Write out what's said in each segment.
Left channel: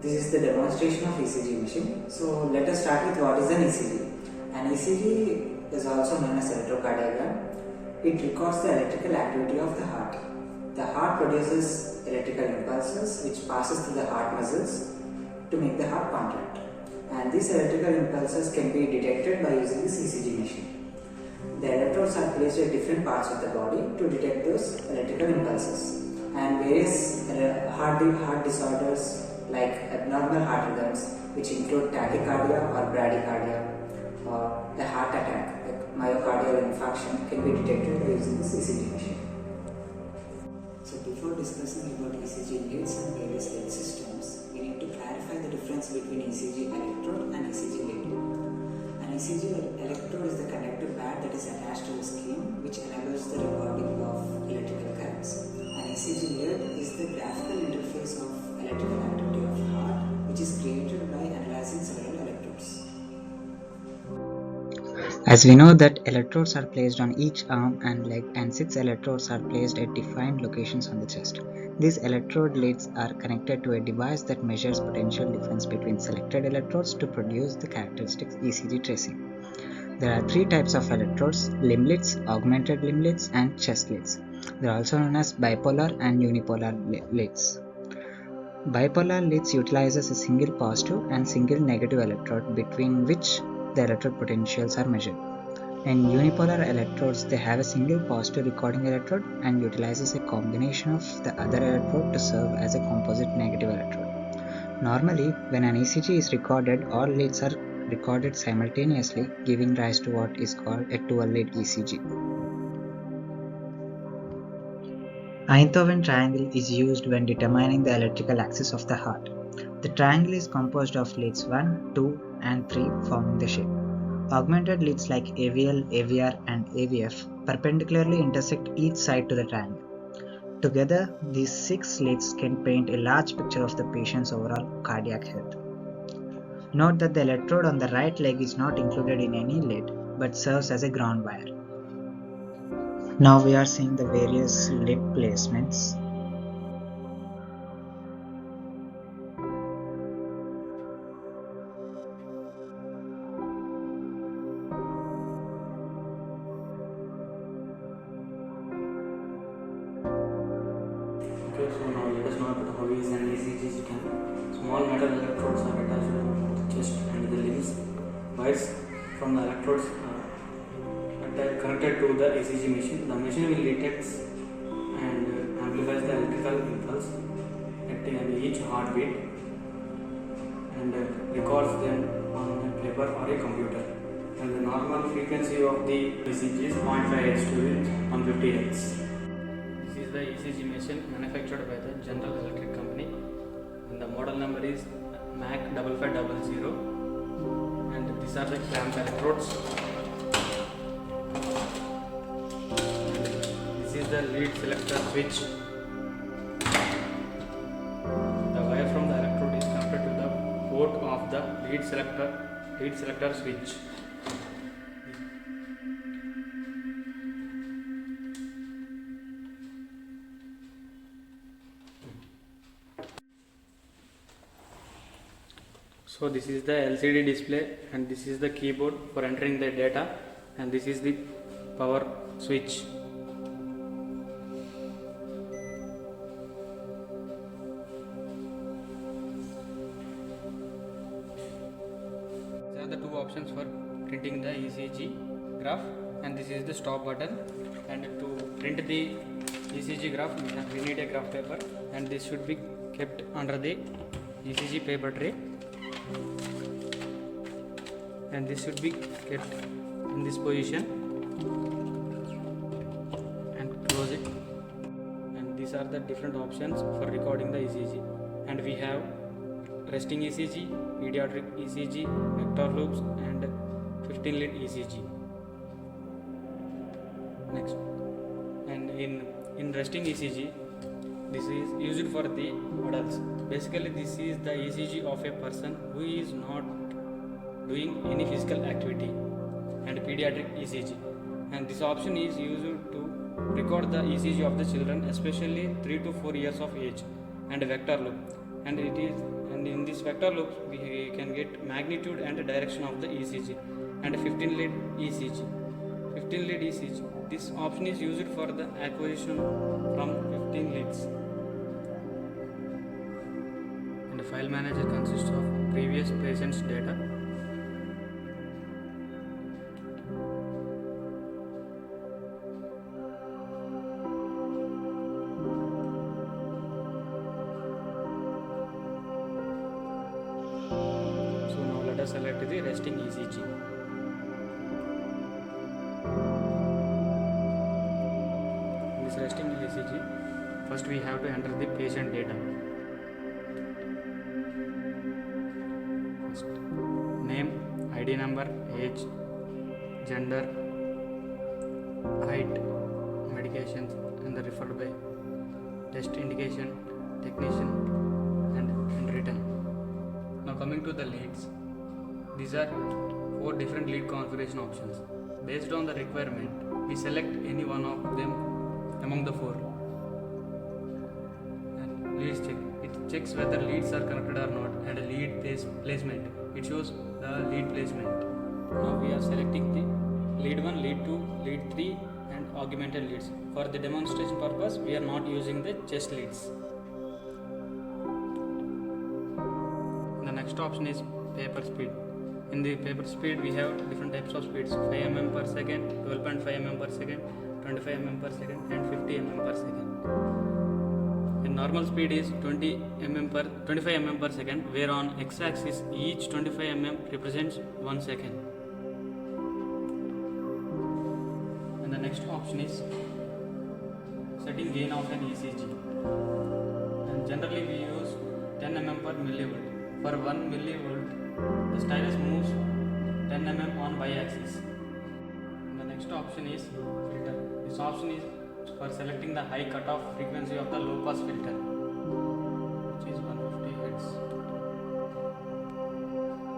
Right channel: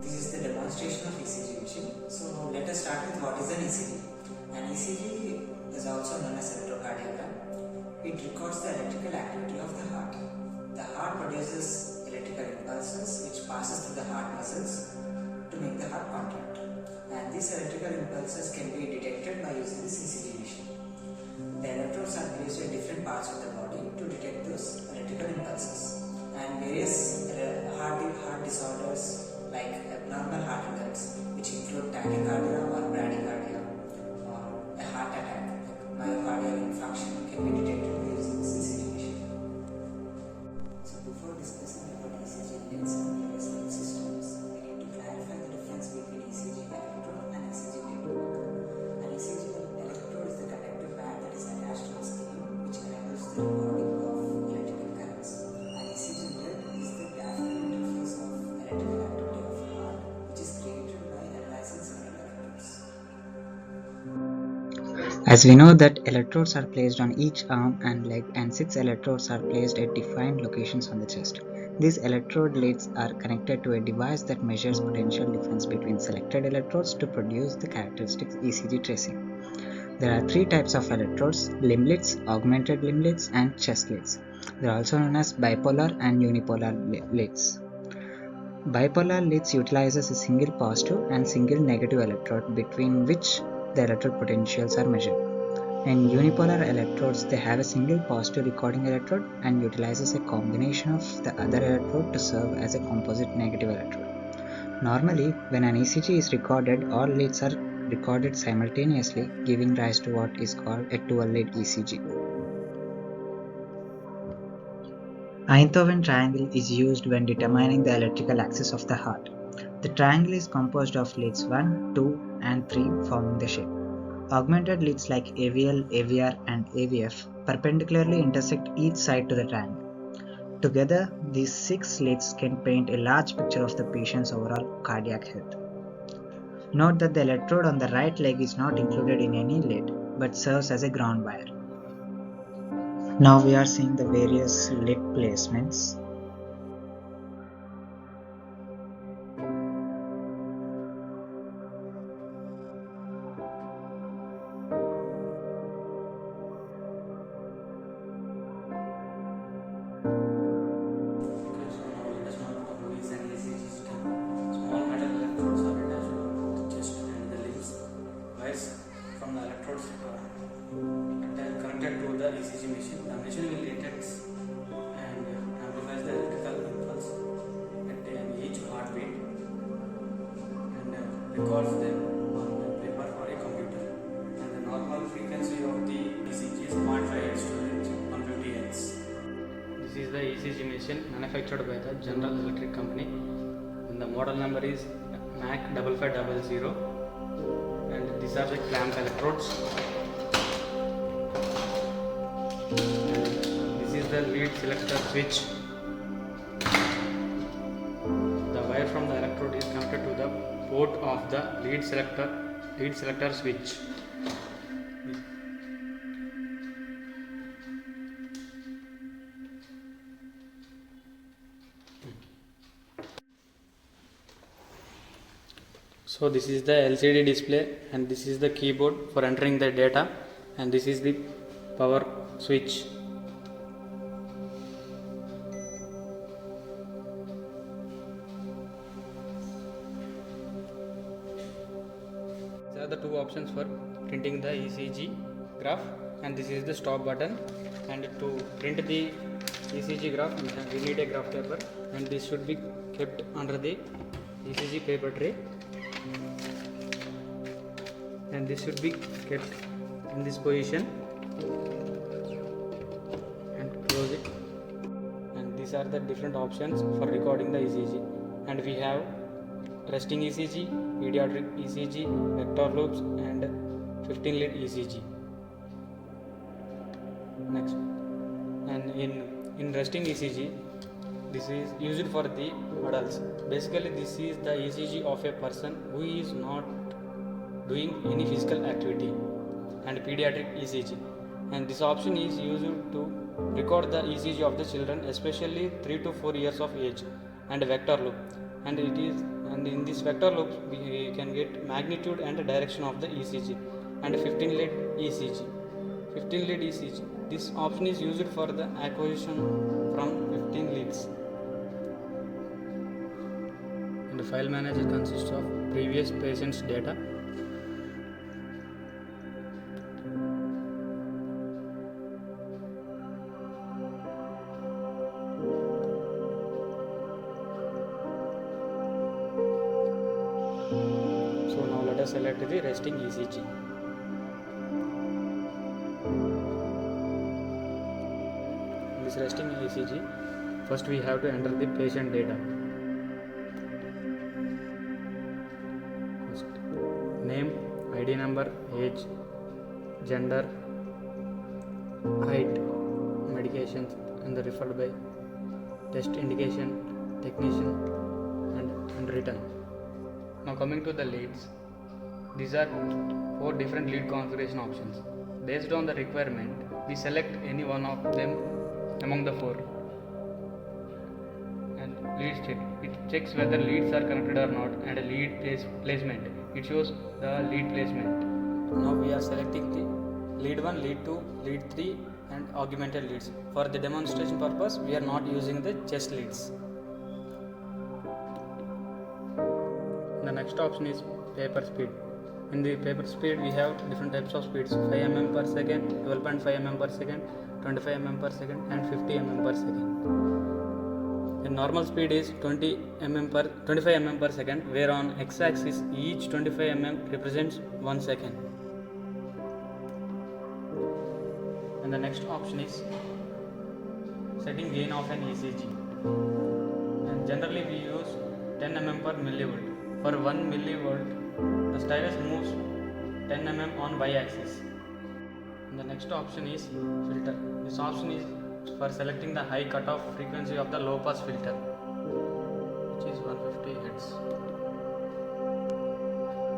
This is the demonstration of ECG machine. So let us start with what is an ECG. An ECG is also known as electrocardiogram. It records the electrical activity of the heart. The heart produces electrical impulses which passes through the heart muscles to make the heart contract. And these electrical impulses can be detected by using this ECG machine. The electrodes are placed at different parts of the body to detect those electrical impulses. And various heart disorders like abnormal heart rhythms, which include tachycardia or bradycardia, or a heart attack like myocardial infarction, can be detected using this ECG machine. So before discussing about ECG leads and various lead systems, we need to clarify the difference between ECG electrode and ECG lead. An ECG electrode is the conductive pad that is attached to the skin, which enables the recording of electrical currents. An ECG lead is the graphical interface of electrical activity of heart, which is created by analyzing several electrodes. As we know that electrodes are placed on each arm and leg, and 6 electrodes are placed at defined locations on the chest. These electrode leads are connected to a device that measures potential difference between selected electrodes to produce the characteristic ECG tracing. There are 3 types of electrodes: limb leads, augmented limb leads, and chest leads. They are also known as bipolar and unipolar leads. Bipolar leads utilizes a single positive and single negative electrode between which the electrode potentials are measured. In unipolar electrodes, they have a single positive recording electrode and utilizes a combination of the other electrode to serve as a composite negative electrode. Normally, when an ECG is recorded, all leads are recorded simultaneously, giving rise to what is called a dual-lead ECG. Einthoven triangle is used when determining the electrical axis of the heart. The triangle is composed of leads 1, 2, and 3 forming the shape. Augmented leads like AVL, AVR, and AVF perpendicularly intersect each side to the triangle. Together, these 6 leads can paint a large picture of the patient's overall cardiac health. Note that the electrode on the right leg is not included in any lead, but serves as a ground wire. Now we are seeing the various lead placements. Okay, so now let us know about how is an ECG scan. Small metal electrodes are attached to the chest and the limbs. Wires from the electrodes connected to the ECG machine. The machine will detect and amplifies the electrical impulse at each heartbeat and records them on a paper or a computer. And the normal frequency of the ECG is 0.5 Hz to 150 Hz. This is the ECG machine manufactured by the General Electric Company, and the model number is MAC 5500, and these are the clamp electrodes. This is the lead selector switch. The wire from the electrode is connected to the port of the lead selector switch. So this is the LCD display, and this is the keyboard for entering the data, and this is the power switch. These are the 2 options for printing the ECG graph, and this is the stop button. And to print the ECG graph, we need a graph paper, and this should be kept under the ECG paper tray, and this should be kept in this position and close it. And these are the different options for recording the ECG, and we have resting ECG, pediatric ECG, vector loops, and 15 lead ECG. Next, and in resting ECG, this is used for the adults. Basically, this is the ECG of a person who is not doing any physical activity, and pediatric ECG, and this option is used to record the ECG of the children, especially 3 to 4 years of age, and vector loop, and it is and in this vector loop we can get magnitude and direction of the ECG, and 15 lead ECG. 15 lead ECG. This option is used for the acquisition from 15 leads. And the file manager consists of previous patient's data, so now let us select the resting ECG. In this resting ECG, first we have to enter the patient data. First, name, ID number, age, gender, height, medications, and the referred by, test indication, technician, and written. Now coming to the leads, these are 4 different lead configuration options. Based on the requirement, we select any one of them among the 4. And leads check. It checks whether leads are connected or not, and a lead placement. It shows the lead placement. Now we are selecting the lead 1, lead 2, lead 3 and augmented leads. For the demonstration purpose, we are not using the chest leads. The next option is paper speed. In the paper speed, we have different types of speeds: 5 mm per second, 12.5 mm per second, 25 mm per second, and 50 mm per second. And normal speed is 25 mm per second, where on x-axis each 25 mm represents 1 second. And the next option is setting gain of an ECG. And generally we use 10 mm per millivolt. For 1 millivolt, the stylus moves 10 mm on y-axis. And the next option is filter. This option is for selecting the high cutoff frequency of the low pass filter, which is 150 Hz.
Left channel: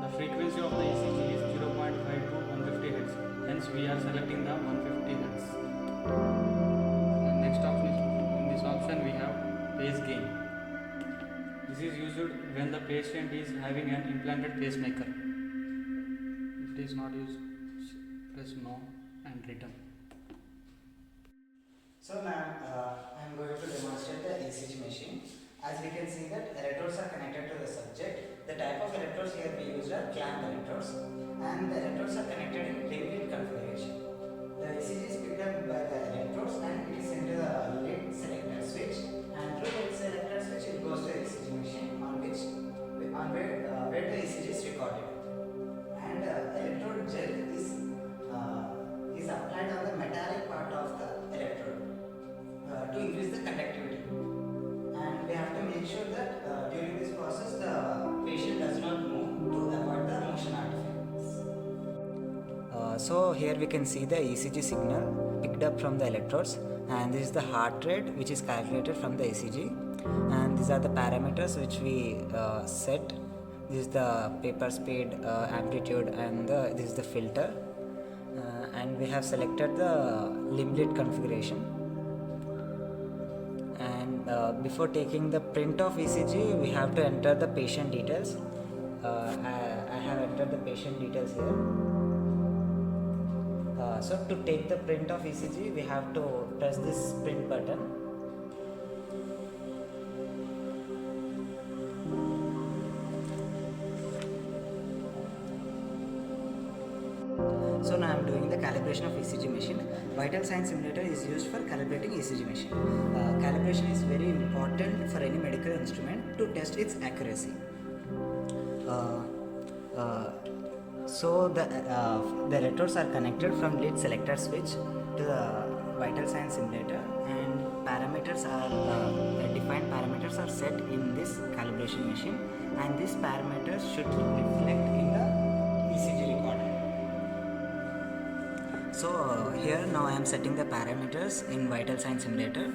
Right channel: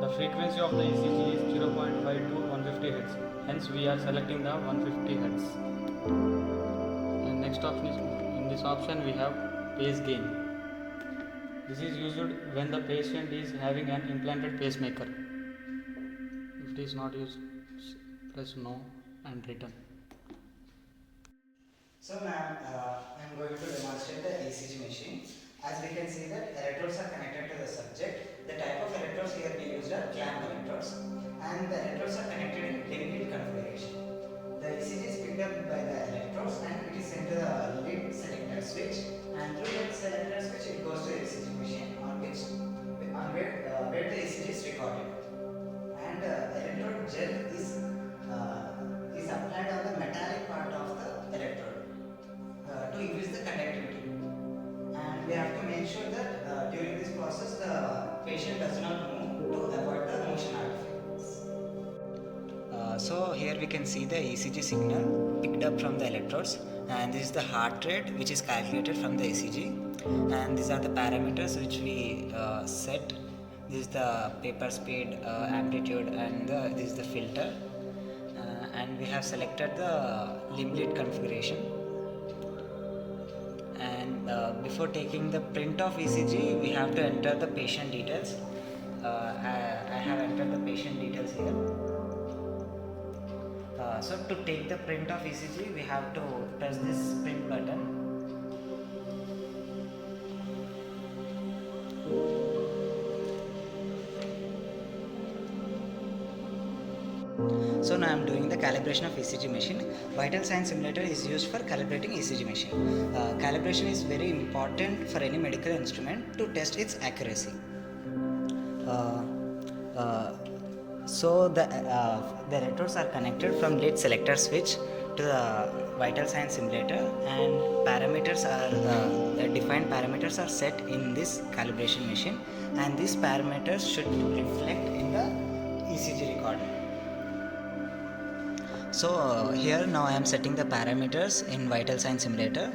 The frequency of the ECG is 0.5 to 150 Hz. Hence we are selecting the 150 Hz. And next option is, in this option we have phase gain. This is used when the patient is having an implanted pacemaker. If it is not used, press no and return. So now I am going to demonstrate the ECG machine. As we can see that electrodes are connected to the subject. The type of electrodes here we used are clamp electrodes, and the electrodes are connected in limited configuration. The ECG is picked up by the electrodes and it is sent to the lead selector switch, and through lead selector switch it goes to the ECG machine where the ECG is recorded. And electrode gel is applied on the metallic part of the electrode to increase the conductivity. And we have to make sure that during this process the patient does not move to avoid the motion artifacts. So here we can see the ECG signal picked up from the electrodes, and this is the heart rate which is calculated from the ECG, and these are the parameters which we set. This is the paper speed, amplitude, and this is the filter, and we have selected the limb lead configuration. And before taking the print of ECG, we have to enter the patient details. I have entered the patient details here. So to take the print of ECG, we have to press this print button. So now I am doing the calibration of ECG machine. Vital sign simulator is used for calibrating ECG machine. Calibration is very important for any medical instrument to test its accuracy. So the electrodes are connected from lead selector switch to the vital sign simulator, and parameters are defined parameters are set in this calibration machine, and these parameters should reflect in the ECG recorder. So here now I am setting the parameters in vital sign simulator.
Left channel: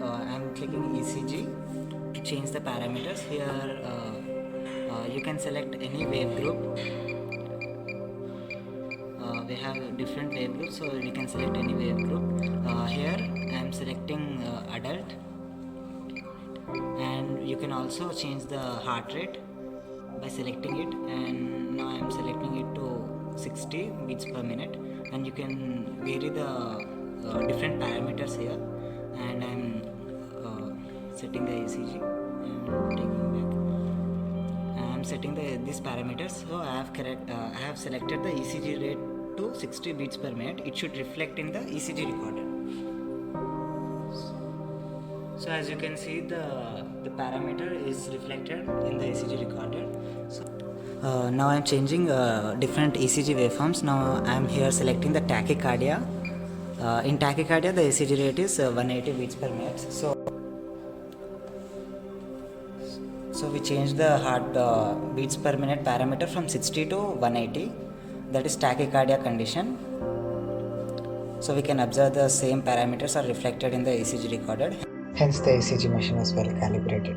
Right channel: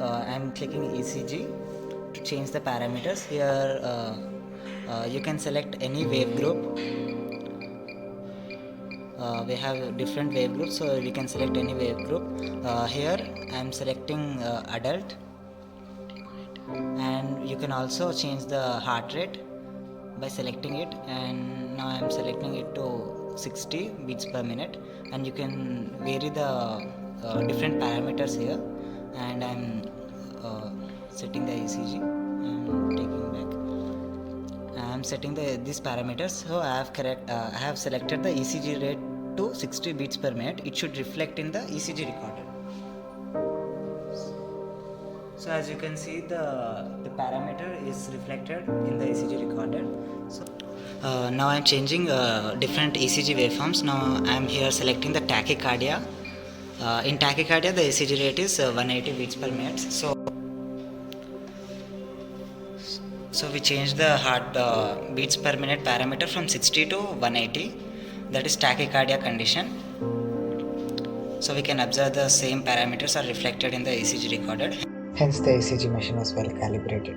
I am clicking ECG to change the parameters. Here you can select any wave group. We have different wave groups, so we can select any wave group. Here I am selecting adult. and you can also change the heart rate by selecting it, and now I am selecting it to 60 beats per minute, and you can vary the different parameters here, and I'm setting the ECG and taking back. I am setting these parameters, so I have selected the ECG rate to 60 beats per minute. It should reflect in the ECG recorder. So as you can see, the parameter is reflected in the ECG recorder. So now I am changing different ECG waveforms. Now I am here selecting the tachycardia. In tachycardia, the ECG rate is 180 beats per minute. So we change the heart beats per minute parameter from 60 to 180. That is tachycardia condition. So we can observe the same parameters are reflected in the ECG recorded. Hence the ECG machine was well calibrated.